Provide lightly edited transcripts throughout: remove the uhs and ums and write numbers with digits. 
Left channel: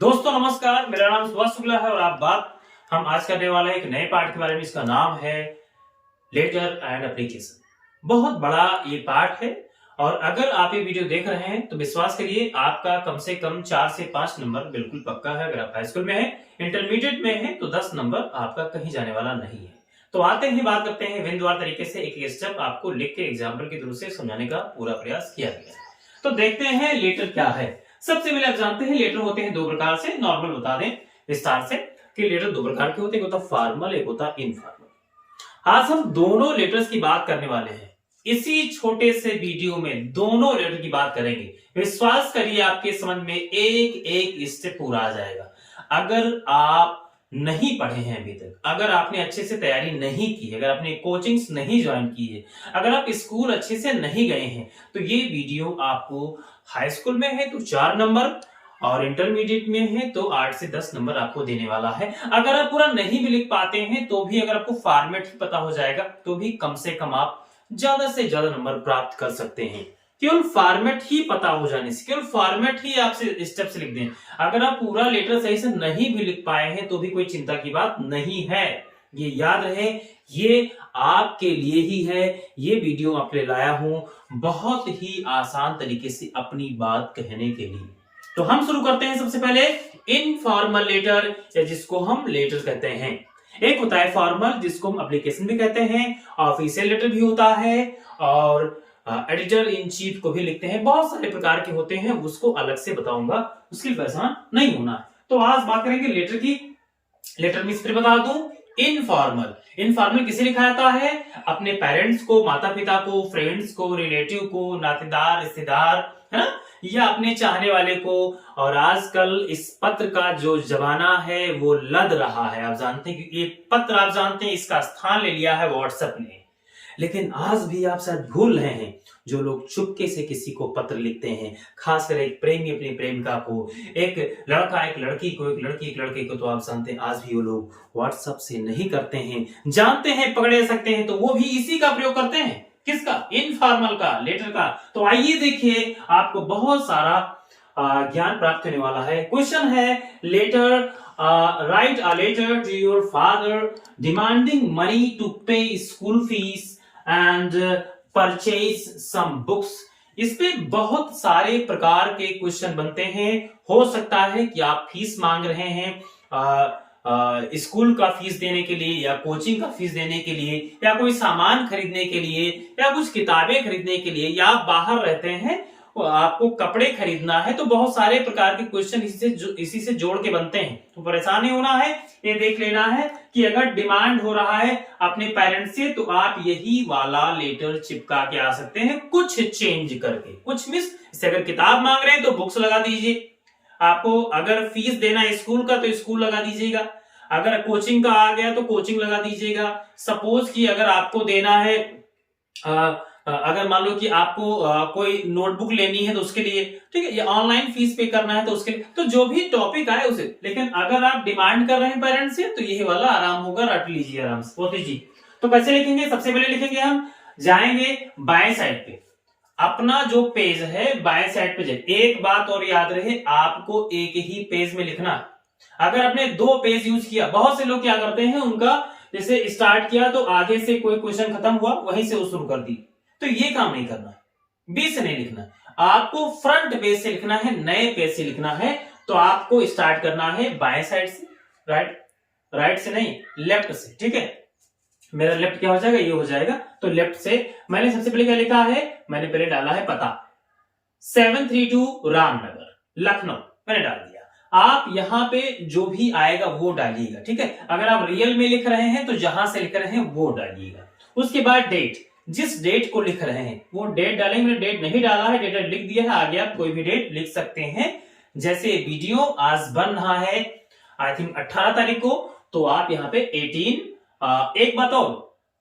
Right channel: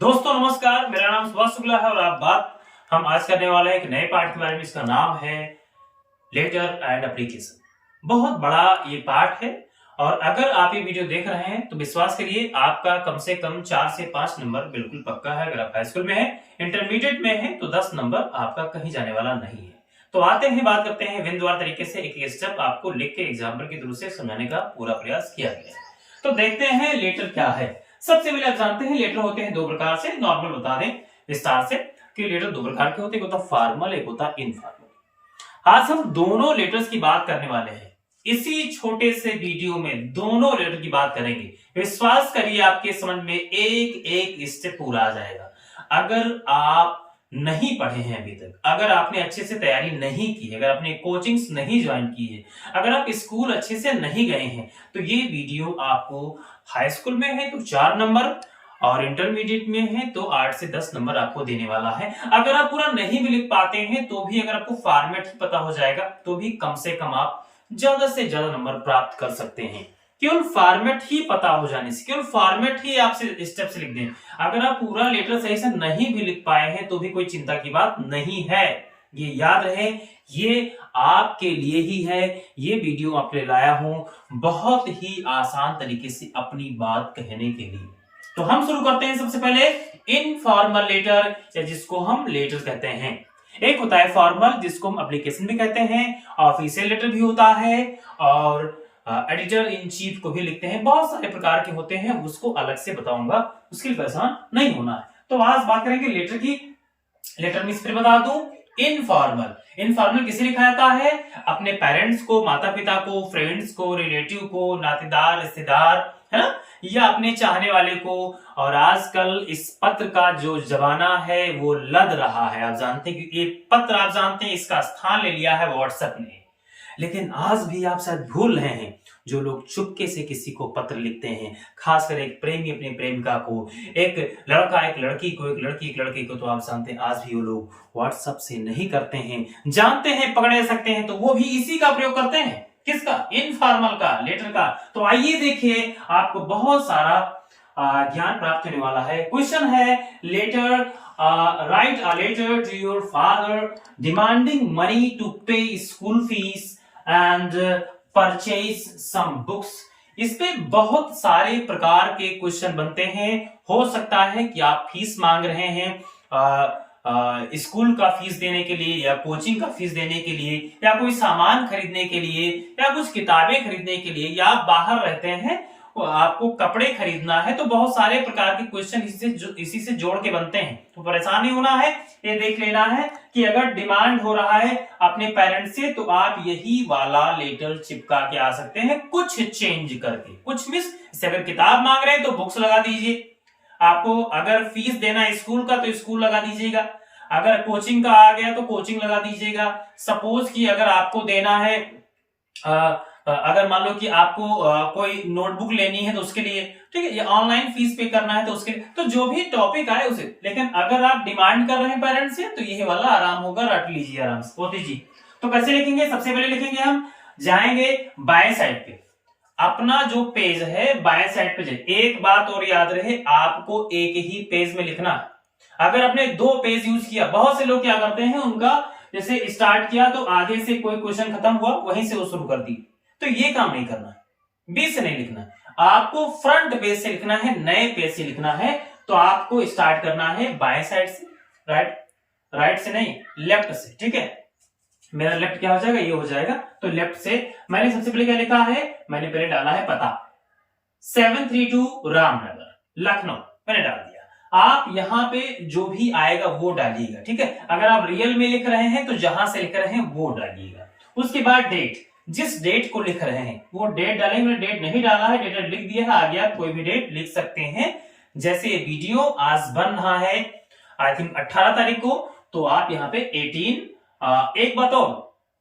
दोस्तों नमस्कार, मेरा नाम सुभाष शुक्ला है और हम आज करने वाले हैं एक नए पार्ट के बारे में। इसका नाम है लेटर एंड एप्लीकेशन। बहुत बड़ा ये पार्ट है और अगर आप ये वीडियो देख रहे हैं तो विश्वास करिए आपका कम से कम 4 से 5 नंबर बिल्कुल पक्का है। अगर आप हाई स्कूल में है, इंटरमीडिएट में है तो 10 नंबर आपका कहीं जाने वाला नहीं है। तो आते ही बात करते हैं बिंदुवार तरीके से एक स्टेप आपको लिख के एग्जाम्पल के थ्रू से समझाने का पूरा प्रयास किया गया है। तो देखते हैं लेटर क्या है। सबसे पहले आप जानते हैं लेटर होते हैं दो प्रकार से। नॉर्मल बता दें विस्तार से कि लेटर दो प्रकार के होते हैं, एक होता फॉर्मल, एक होता इनफॉर्मल। आज हम दोनों लेटर्स की बात करने वाले हैं। इसी छोटे से वीडियो में दोनों लेटर की बात करेंगे। विश्वास करिए आपके समझ में एक एक स्टेप पूरा आ जाएगा। अगर आप नहीं पढ़े हैं अभी तक, अगर आपने अच्छे से तैयारी नहीं की है, अगर आपने कोचिंग्स नहीं ज्वाइन की है, अगर आप स्कूल अच्छे से नहीं गए हैं, तो ये वीडियो आपको हाई स्कूल में है तो 4 नंबर और इंटरमीडिएट में है तो 8 से 10 नंबर आपको देने वाला है। अगर आप पूरा नहीं भी लिख पाते हैं तो भी अगर आपको फॉर्मेट ही पता हो जाएगा तो भी कम से कम आप ज्यादा से ज्यादा नंबर प्राप्त कर सकते हैं। केवल फॉर्मेट ही पता हो जाने से, केवल फॉर्मेट ही आपसे स्टेप से लिख दें। अगर आप पूरा लेटर सही से नहीं भी लिख पाए हैं तो भी कोई चिंता की बात नहीं है। ये याद रहे, ये आपके लिए ही है। ये वीडियो आपके लिए लाया हूं बहुत ही आसान तरीके से अपनी बात कहने के लिए। तो हम शुरू करते हैं सबसे पहले इनफॉर्मल लेटर, या जिसको हम लेटर कहते हैं। एक होता है फॉर्मल जिसको हम एप्लीकेशन भी कहते हैं, ऑफिशियल लेटर भी होता है और एडिटर इन चीफ को भी लिखते हैं। बहुत सारे प्रकार के होते हैं, उसको अलग से बताऊंगा, उसके लिए परेशान नहीं होना है। तो आज बात करेंगे लेटर की। लेटर में फिर बता दूं, इनफॉर्मल। इनफॉर्मल किसे लिखा जाता है? अपने पेरेंट्स को, माता पिता को, फ्रेंड्स को, रिलेटिव को, नातेदार, रिश्तेदार, है ना, या अपने चाहने वाले को। और आजकल इस पत्र का जो जमाना है वो लद रहा है। आप जानते हैं कि ये पत्र, आप जानते हैं, इसका स्थान ले लिया है व्हाट्सएप ने। लेकिन आज भी आप शायद भूल रहे हैं, जो लोग चुपके से किसी को पत्र लिखते हैं, खासकर एक प्रेमी अपनी प्रेमिका को, एक लड़का एक लड़की को, एक लड़की एक लड़के को, तो आप जानते हैं आज भी वो लोग व्हाट्सएप से नहीं करते हैं। जानते हैं पकड़े सकते हैं तो वो भी इसी का प्रयोग करते हैं। किसका? इनफॉर्मल का, लेटर का। तो आइए देखिए, आपको बहुत सारा ज्ञान प्राप्त होने वाला है। क्वेश्चन है, letter write a letter to your father demanding money to pay school fees and purchase some books. इस पे बहुत सारे प्रकार के क्वेश्चन बनते हैं। हो सकता है कि आप फीस मांग रहे हैं स्कूल का फीस देने के लिए, या कोचिंग का फीस देने के लिए, या कोई सामान खरीदने के लिए, या कुछ किताबें खरीदने के लिए, या आप बाहर रहते हैं आपको कपड़े खरीदना है। तो बहुत सारे प्रकार के क्वेश्चन इसी से जोड़ के बनते हैं। तो परेशान नहीं होना है, ये देख लेना है कि अगर डिमांड हो रहा है अपने पेरेंट्स से तो आप यही वाला लेटर चिपका के आ सकते हैं, कुछ चेंज करके, कुछ मिस। जैसे अगर किताब मांग रहे हैं तो बुक्स लगा दीजिए, आपको अगर फीस देना है स्कूल का तो स्कूल लगा दीजिएगा, अगर कोचिंग का आ गया तो कोचिंग लगा दीजिएगा। सपोज कि अगर आपको देना है अगर मान लो कि आपको कोई नोटबुक लेनी है तो उसके लिए, ठीक है, या ऑनलाइन फीस पे करना है तो उसके लिए, तो जो भी टॉपिक आए उसे। लेकिन अगर आप डिमांड कर रहे हैं पेरेंट्स से तो यही वाला आराम होगा, रट लीजिए आराम से। पोती जी, तो कैसे लिखेंगे? सबसे पहले लिखेंगे, हम जाएंगे बाएं साइड पे, अपना जो पेज है बाएं साइड पे जाए। एक बात और याद रहे, आपको एक ही पेज में लिखना। अगर आपने 2 पेज यूज किया, बहुत से लोग क्या करते हैं, उनका जैसे स्टार्ट किया तो आगे से कोई क्वेश्चन खत्म हुआ वहीं से वो शुरू कर दी, तो ये काम नहीं करना है। बीच से नहीं लिखना है, आपको फ्रंट पेज से लिखना है, नए पेज से लिखना है। तो आपको स्टार्ट करना है बाएं साइड से, राइट से नहीं, लेफ्ट से, ठीक है। मेरा लेफ्ट क्या हो जाएगा? ये हो जाएगा। तो लेफ्ट से मैंने सबसे पहले क्या लिखा है? मैंने पहले डाला है पता 732 रामनगर, लखनऊ, मैंने डाल दिया। आप यहां पे जो भी आएगा वो डालिएगा, ठीक है। अगर आप रियल में लिख रहे हैं तो जहां से लिख रहे हैं वो डालिएगा। उसके बाद डेट, जिस डेट को लिख रहे हैं वो डेट डालेंगे। मैंने डेट नहीं डाला है, डेट लिख दिया है, आगे आप कोई भी डेट लिख सकते हैं। जैसे वीडियो आज बन रहा है आई थिंक 18 तारीख को, तो आप यहाँ पे 18। एक बात और,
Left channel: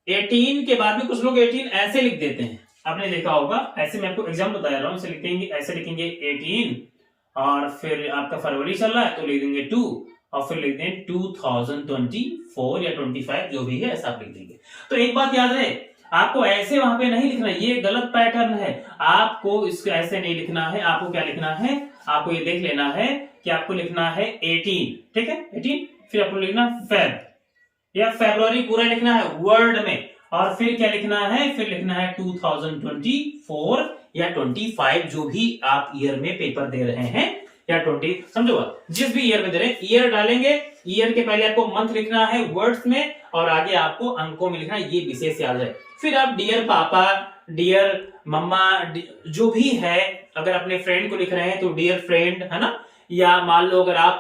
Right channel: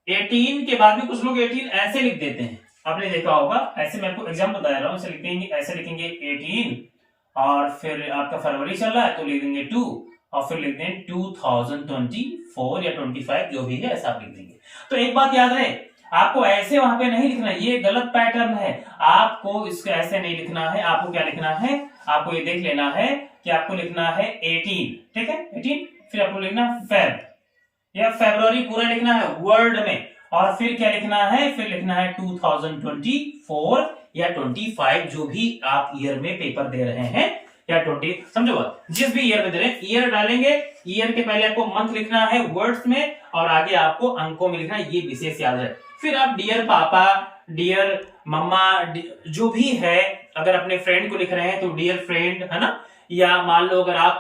18 के बाद भी कुछ लोग 18 ऐसे लिख देते हैं, आपने देखा होगा। ऐसे मैं आपको एग्जाम्पल बता रहा हूँ, ऐसे लिखेंगे, ऐसे लिखेंगे 18 और फिर आपका फरवरी चल रहा है तो लिख देंगे 2 और फिर लिख देंगे 2024 या 25, जो भी है ऐसा आप लिख देंगे। तो एक बात याद रहे, आपको ऐसे वहां पे नहीं लिखना है, ये गलत पैटर्न है। आपको इसको ऐसे नहीं लिखना है, आपको क्या लिखना है, आपको ये देख लेना है कि आपको लिखना है 18, ठीक है 18, फिर आपको लिखना फेब या फेब्रुअरी पूरा लिखना है वर्ड में, और फिर क्या लिखना है, फिर लिखना है 2024 या 25, जो भी आप ईयर में पेपर दे रहे हैं, या 20, समझो जिस भी ईयर में दे रहे हैं ईयर डालेंगे, ईयर के पहले आपको मंथ लिखना है वर्ड्स में, और आगे आपको अंकों में लिखना है, ये विशेष याद रहे। फिर आप डियर पापा, डियर मम्मा, जो भी है, अगर अपने फ्रेंड को लिख रहे हैं तो डियर फ्रेंड, है ना, या मान लो अगर आप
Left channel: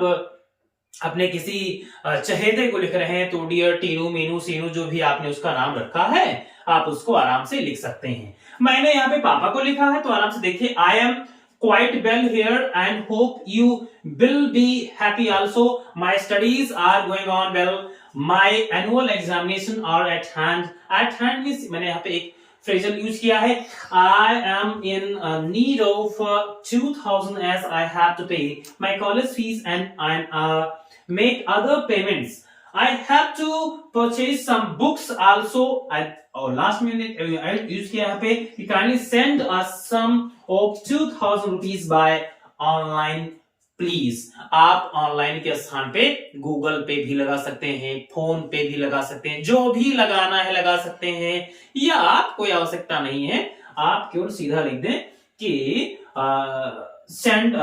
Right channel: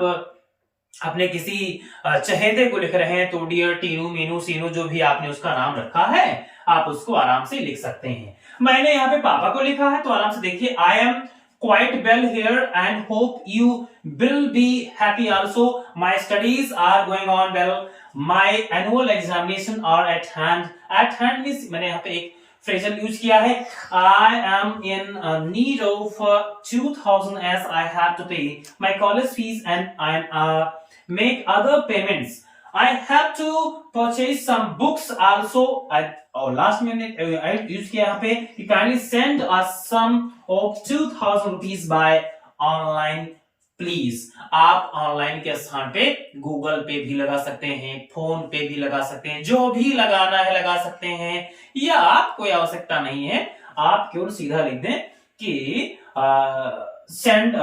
अपने किसी चहेते को लिख रहे हैं तो डियर टीनू, मीनू, सीनू, जो भी आपने उसका नाम रखा है आप उसको आराम से लिख सकते हैं। मैंने यहाँ पे पापा को लिखा है तो आराम से देखिए, I am quite well here and hope you will be happy also. My studies are going on well. My annual examination are at hand. At hand means मैंने यहाँ पे एक phrasal यूज किया है, I am in need of 2000 as I have to pay my college fees and make other payments. I have to purchase some books also. और last में use किया यहाँ पे, kindly send us some of 2000 rupees by online please. आप online के स्थान पे Google पे भी लगा सकते हैं, फोन पे भी लगा सकते हैं, जो भी लगाना है लगा सकते हैं, या कोई आवश्यकता नहीं है, आप केवल सीधा लिख दें कि सेंड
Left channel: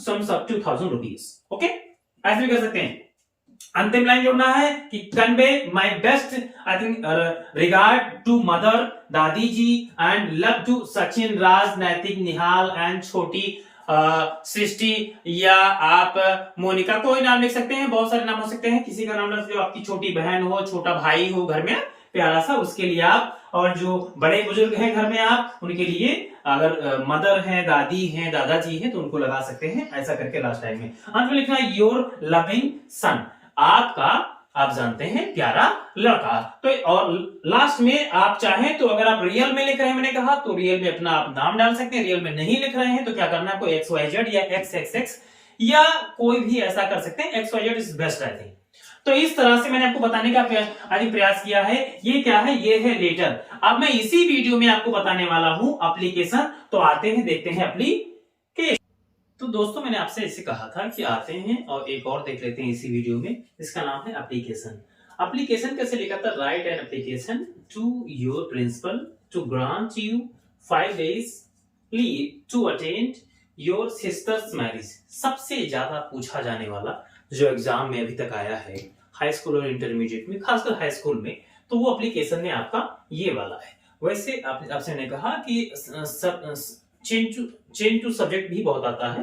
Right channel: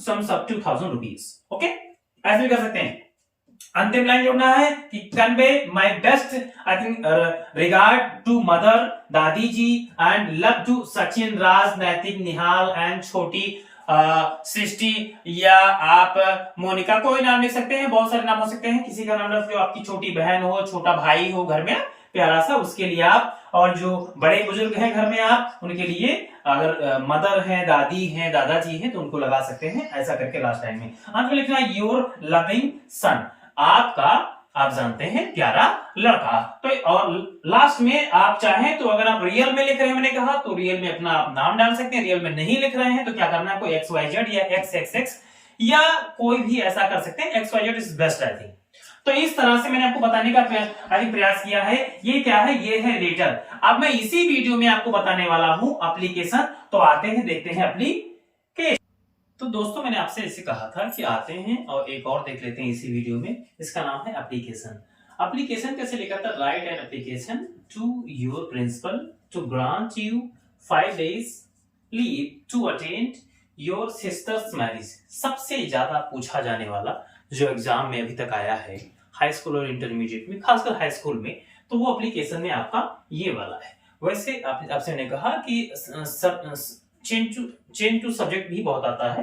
सम 2000 रुपीज, ओके, ऐसे भी कर सकते हैं। अंतिम लाइन जोड़ना है कि convey my best I think regard to mother, दादी जी, and love to Sachin, Raj, Naitik, Nihal and छोटी सृष्टि, या आप मोनिका, कोई नाम लिख सकते हैं, बहुत सारे नाम हो सकते हैं, किसी का नाम जो आपकी छोटी बहन हो, छोटा भाई हो घर में प्यारा सा, उसके लिए आप, और जो बड़े बुजुर्ग हैं घर में आप उनके लिए, अगर मदर है, दादी है, दादाजी है तो उनको लगा सकते हैं, ऐसा करके लास्ट टाइम में अंत में लिखना है योर लविंग सन, आपका, आप जानते हैं, प्यारा लड़का। तो और लास्ट में आप चाहें तो अगर आप रियल में लिख रहे हैं, मैंने कहा तो रियल में अपना आप नाम डाल सकते हैं, रियल में नहीं लिख रहे हैं तो क्या करना है, कोई XYZ या XXX या कोई भी ऐसा कर सकते हैं, XYZ is best I think. तो इस तरह से मैंने आपको बताने का प्रयास किया है। ये क्या है, ये है लेटर। अब मैं इसी वीडियो में आपको बताने वाला हूं एप्लीकेशन। तो आते हैं, देखते हैं एप्लीकेशन। तो दोस्तों मैंने आपसे ऐसे कहा था कि आते हैं और एक और देख लेते हैं इसी वीडियो में, इसका नाम है एप्लीकेशन। एप्लीकेशन कैसे लिखा था, write an application to your principal to grant you 5 days leave to attend your sister's marriage. सबसे ज्यादा पूछा जाने वाला जो एग्जाम में अभी तक आया है हाई स्कूल और इंटरमीडिएट में, खासकर हाई स्कूल में, तो वो एप्लीकेशन में आपका ये वाला है। वैसे आपसे मैंने कहा कि चेंज टू सब्जेक्ट भी बहुत आता है,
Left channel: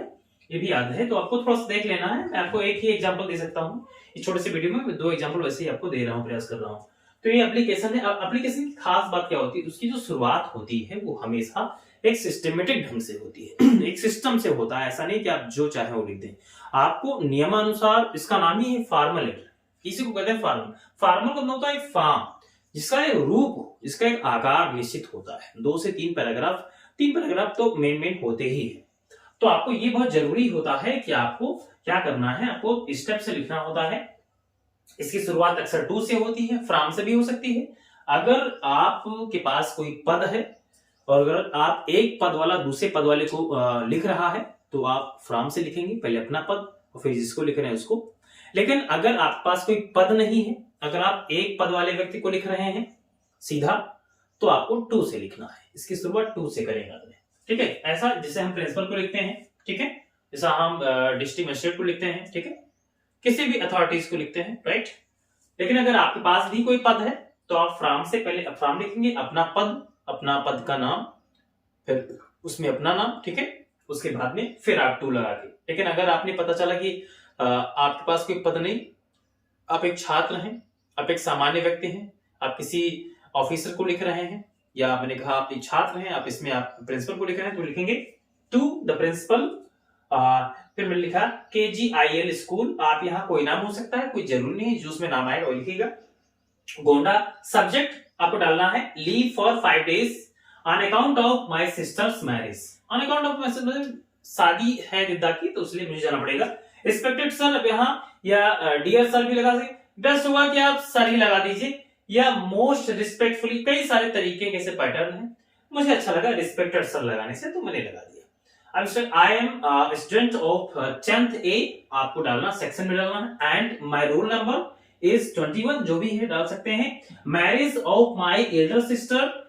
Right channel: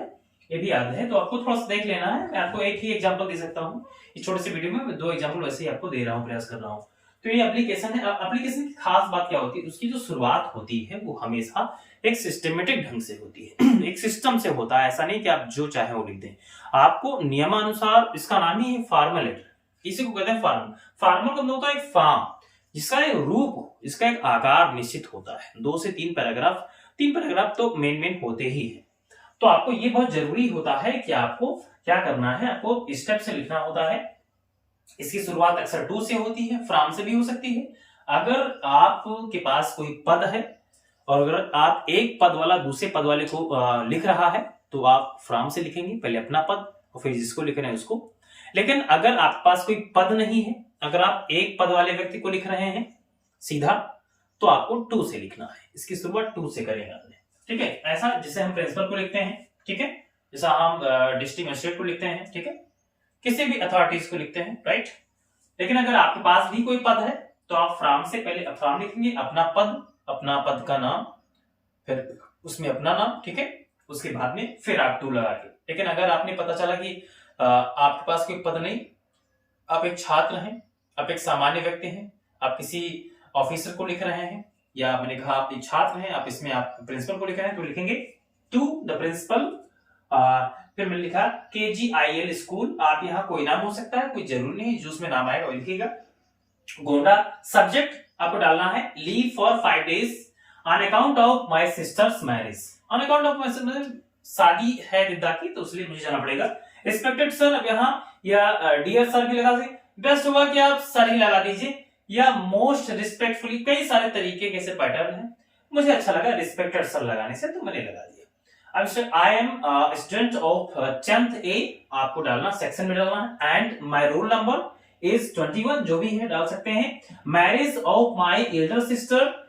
ये भी याद है, तो आपको थोड़ा सा देख लेना है। मैं आपको एक ही एग्जांपल दे सकता हूँ इस छोटे से वीडियो में, 2 एग्जांपल वैसे ही आपको दे रहा हूँ, प्रयास कर रहा हूँ। तो ये एप्लीकेशन है। एप्लीकेशन की खास बात क्या होती है, उसकी जो शुरुआत होती है वो हमेशा एक सिस्टमेटिक ढंग से होती है, एक सिस्टम से होता है। ऐसा नहीं कि आप जो चाहे वो लिख दें, आपको नियमानुसार, इसका नाम ही है फॉर्मल लेटर, इसी को कहते हैं फॉर्मल। फॉर्मल का मतलब होता है एक फॉर्म जिसका एक रूप हो, इसका एक आकार निश्चित होता है, 2 से 3 पैराग्राफ, 3 पैराग्राफ तो मेन होते ही है। तो आपको ये बहुत जरूरी होता है कि आपको क्या करना है, आपको स्टेप से लिखना होता है। इसकी शुरुआत अक्सर टू से होती है, फ्रॉम से भी हो सकती है। अगर आपके पास कोई पद है और अगर आप एक पद वाला दूसरे पद वाले को लिख रहा है तो आप फ्रॉम से लिखेंगे, पहले अपना पद और फिर जिसको लिख रहे हैं उसको। लेकिन अगर आपके पास कोई पद नहीं है, अगर आप एक पद वाले व्यक्ति को लिख रहे हैं सीधा, तो आपको टू से लिखना है। इसकी शुरुआत टू से करेंगे, ठीक है। ऐसा जैसे हम प्रिंसिपल को लिखते हैं, ठीक है, जैसा हम डिस्ट्रिक्ट मजिस्ट्रेट को लिखते हैं, ठीक है, किसी भी अथॉरिटीज को लिखते हैं, राइट। लेकिन अगर आपके पास भी कोई पद है तो आप फ्रॉम से पहले फ्रॉम लिखेंगे, अपना पद का नाम, फिर उसमें अपना नाम, ठीक है, उसके बाद में फिर आप टू लगा के। लेकिन अगर आपने पता चला कि आपके पास कोई पद नहीं, आप एक छात्र हैं, आप एक सामान्य व्यक्ति हैं, आप किसी ऑफिसर को लिख रहे हैं, या मैंने कहा आप एक छात्र हैं, आप इसमें आप प्रिंसिपल को लिख रहे हैं, तो लिखेंगे टू द प्रिंसिपल। फिर मैंने लिखा KGIL स्कूल, आप यहाँ कोई नाम हो सकता है, कोई जरूरी नहीं है, जो उसमें नाम आएगा वो लिखिएगा। गोंडा सब्जेक्ट आपको डालना है leave for 5 days on account of my sisters marriage. On account of my शादी है दिद्दा की, तो इसलिए मुझे जाना पड़ेगा। रिस्पेक्टेड सर, अब यहाँ या डियर सर भी लगा सकते, बेस्ट होगा कि आप सर ही लगा दीजिए, या मोस्ट रिस्पेक्टफुली, कई सारे तरीके के पैटर्न है, मुझे अच्छा लगा रिस्पेक्टेड सर लगाने से, तो मैंने लगा दिया। अब से I am student of 10th A आपको डालना, सेक्शन में डालना, and my roll number is 21, जो भी है डाल सकते हैं। Marriage of my elder sister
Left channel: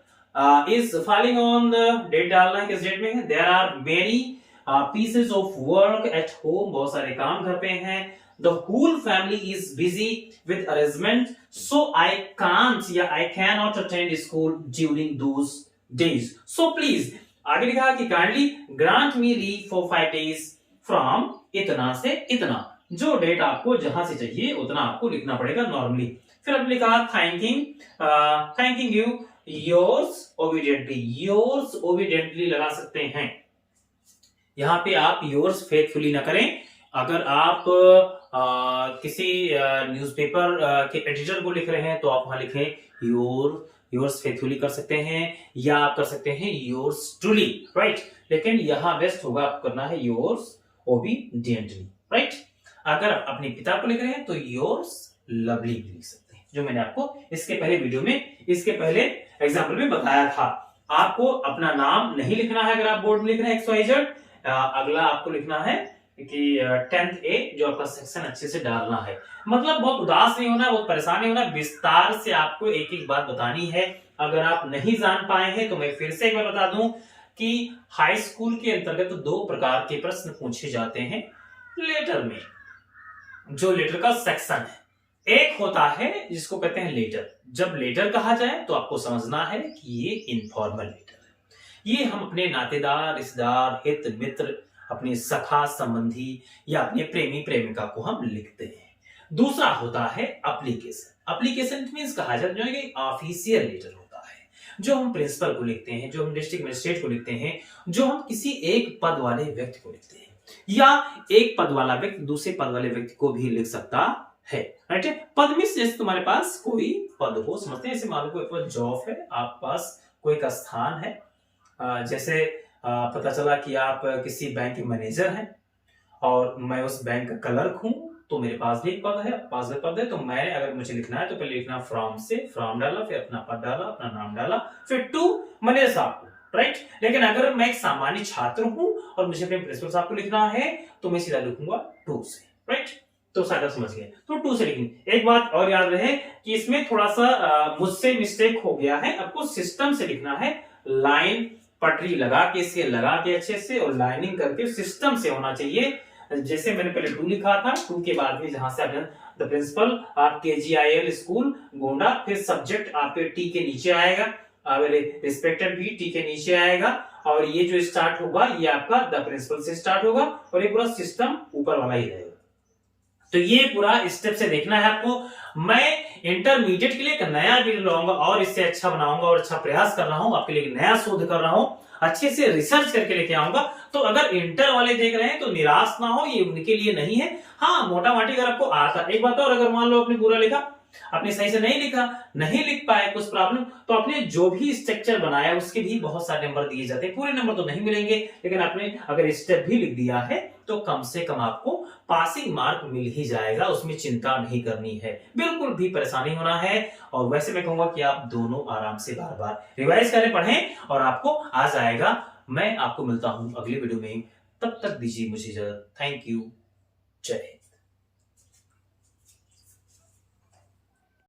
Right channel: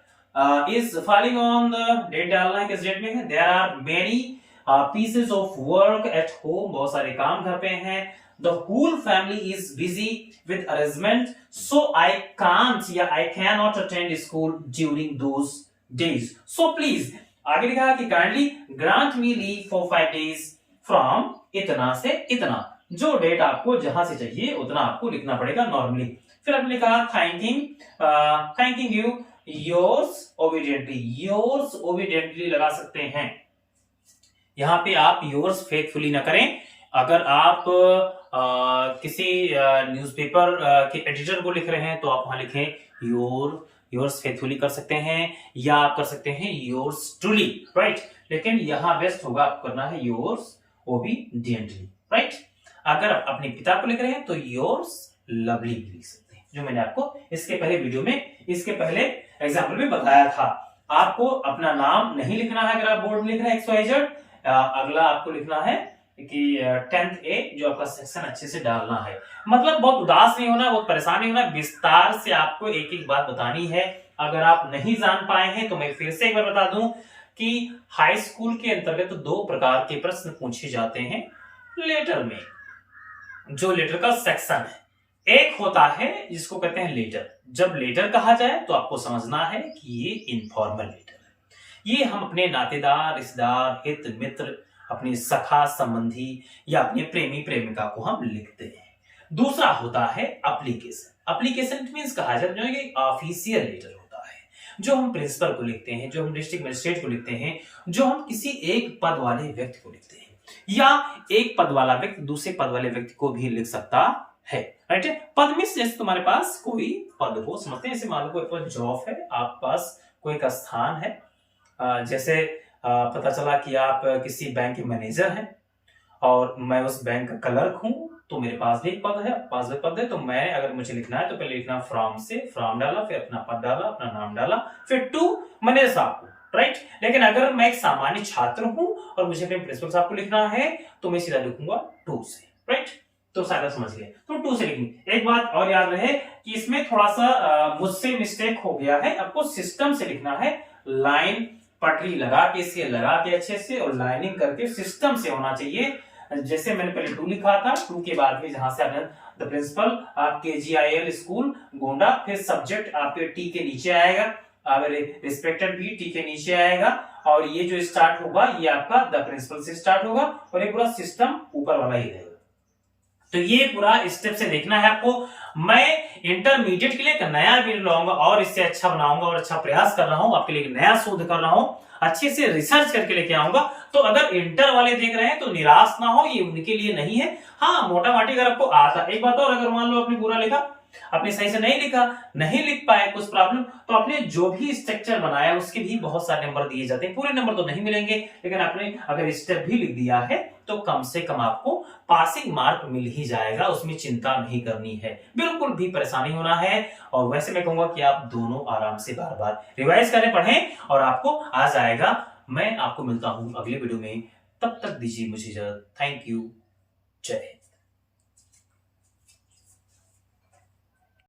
is following on the date डालना है, किस डेट में है। There are many pieces of work at home, बहुत सारे काम घर पे हैं। The whole family is busy with arrangement, so I can't या I can not attend school during those days, so please. आगे लिखा है कि kindly grant me leave for 5 days from इतना से इतना, जो डेट आपको जहां से चाहिए उतना आपको लिखना पड़ेगा नॉर्मली। फिर हमने लिखा थैंकिंग यू योर्स ओबीडियंटली लगा सकते हैं। यहां पे आप योर्स फेथफुली ना करें। अगर आप किसी न्यूज़पेपर के एडिटर को लिख रहे हैं तो आप वहां लिखें योर्स फेथफुली कर सकते हैं, या आप कर सकते हैं योर्स ट्रूली, राइट। लेकिन यहां बेस्ट होगा आप करना है योर्स ओबीडियंटली, राइट। अगर आप अपने पिता को लिख रहे हैं तो योर्स लवली भी लिख सकते हैं, जो मैंने आपको इसके पहले वीडियो में, इसके पहले एग्जाम्पल में बताया था। आपको अपना नाम नहीं लिखना है अगर आप बोर्ड में लिख रहे हैं XYZ। अगला आपको लिखना है कि 10th A, जो आपका सेक्शन अच्छे से डालना है। मतलब बहुत उदास नहीं होना, बहुत परेशान नहीं होना, विस्तार से आपको एक एक बात बतानी है। अगर आप नहीं जान पाए हैं तो मैं फिर से एक बार बता दूं कि हाई स्कूल के अंतर्गत 2 प्रकार के प्रश्न पूछे जाते हैं लेटर में, जो लेटर का सेक्शन है। एक होता है जिसको कहते हैं लेटर। जब लेटर कहा जाए तो आपको समझना है कि ये इनफॉर्मल लेटर है, ये हम अपने नातेदार, रिश्तेदार, हित मित्र, अपने सखा संबंधी या अपने प्रेमी प्रेमिका को हम लिखते हैं। दूसरा होता है एप्लीकेशन। एप्लीकेशन मींस कहा जाता है कि ऑफिशियल लेटर होता है, जो हम प्रिंसिपल को लिखते हैं, जो हम डिस्ट्रिक्ट मजिस्ट्रेट को लिखते हैं, जो हम किसी एक पद वाले व्यक्ति को लिखते हैं, या एक पद वाला व्यक्ति दूसरे पद वाले व्यक्ति को भी लिख सकता है, राइट। पद मींस जैसे तुम्हारे पास कोई पद हो, समझते हैं, जैसे मान लो कोई पास जॉब है, आप पास कोई का स्थान है, जैसे पता चला कि आप किसी बैंक के मैनेजर हैं और मैं उस बैंक का क्लर्क हूं, तो मेरे पास भी एक पद है, पास भी पद है। तो मैं अगर मुझे लिखना है तो पहले लिखना फ्रॉम से, फ्रॉम डाला, फिर अपना पद डाला, अपना नाम डाला, फिर टू मैनेजर साहब को, राइट। लेकिन अगर मैं एक सामान्य छात्र हूं और मुझे अपने प्रिंसिपल साहब को लिखना है तो मैं सीधा लिखूंगा टू से, राइट। तो सारा समझ गए, तो टू से लिखेंगे। एक बात और याद रहे कि इसमें थोड़ा सा मुझसे मिस्टेक हो गया है, आपको सिस्टम से लिखना है, लाइन पटरी लगा के, इसके लगा के अच्छे से और लाइनिंग करके सिस्टम से होना चाहिए। जैसे मैंने पहले 2 लिखा था, 2 के बाद में जहां से आपने द प्रिंसिपल आप KGIL स्कूल गोंडा, फिर सब्जेक्ट आपके टी के नीचे आएगा, रिस्पेक्टेड भी टी के नीचे आएगा, और ये जो स्टार्ट होगा ये आपका द प्रिंसिपल से स्टार्ट होगा, और ये पूरा सिस्टम ऊपर वाला ही रहेगा। तो ये पूरा स्टेप से देखना है आपको। मैं इंटरमीडिएट के लिए एक नया वीडियो लाऊंगा और इससे अच्छा बनाऊंगा और अच्छा प्रयास कर रहा हूं, आपके लिए एक नया शोध कर रहा हूं, अच्छे से रिसर्च करके लेके आऊंगा। तो अगर इंटर वाले देख रहे हैं तो निराश ना हो, ये उनके लिए नहीं है। हाँ, मोटा माटी अगर आपको आता, एक बात और, अगर मान लो आपने पूरा लिखा, आपने सही से नहीं लिखा, नहीं लिख पाए, कुछ प्रॉब्लम, तो आपने जो भी स्ट्रक्चर बनाया उसके भी बहुत सारे नंबर दिए जाते हैं। पूरे नंबर तो नहीं मिलेंगे, लेकिन आपने अगर स्टेप भी लिख दिया है तो कम से कम आपको पासिंग मार्क मिल ही जाएगा, उसमें चिंता नहीं करनी है, बिल्कुल भी परेशानी होना है। और वैसे मैं कहूंगा कि आप दोनों आराम से बार बार रिवाइज करें, पढ़ें, और आपको आ जाएगा। मैं आपको मिलता हूं अगले वीडियो में, तब तक दीजिए मुझे इजाजत। थैंक यू, जय।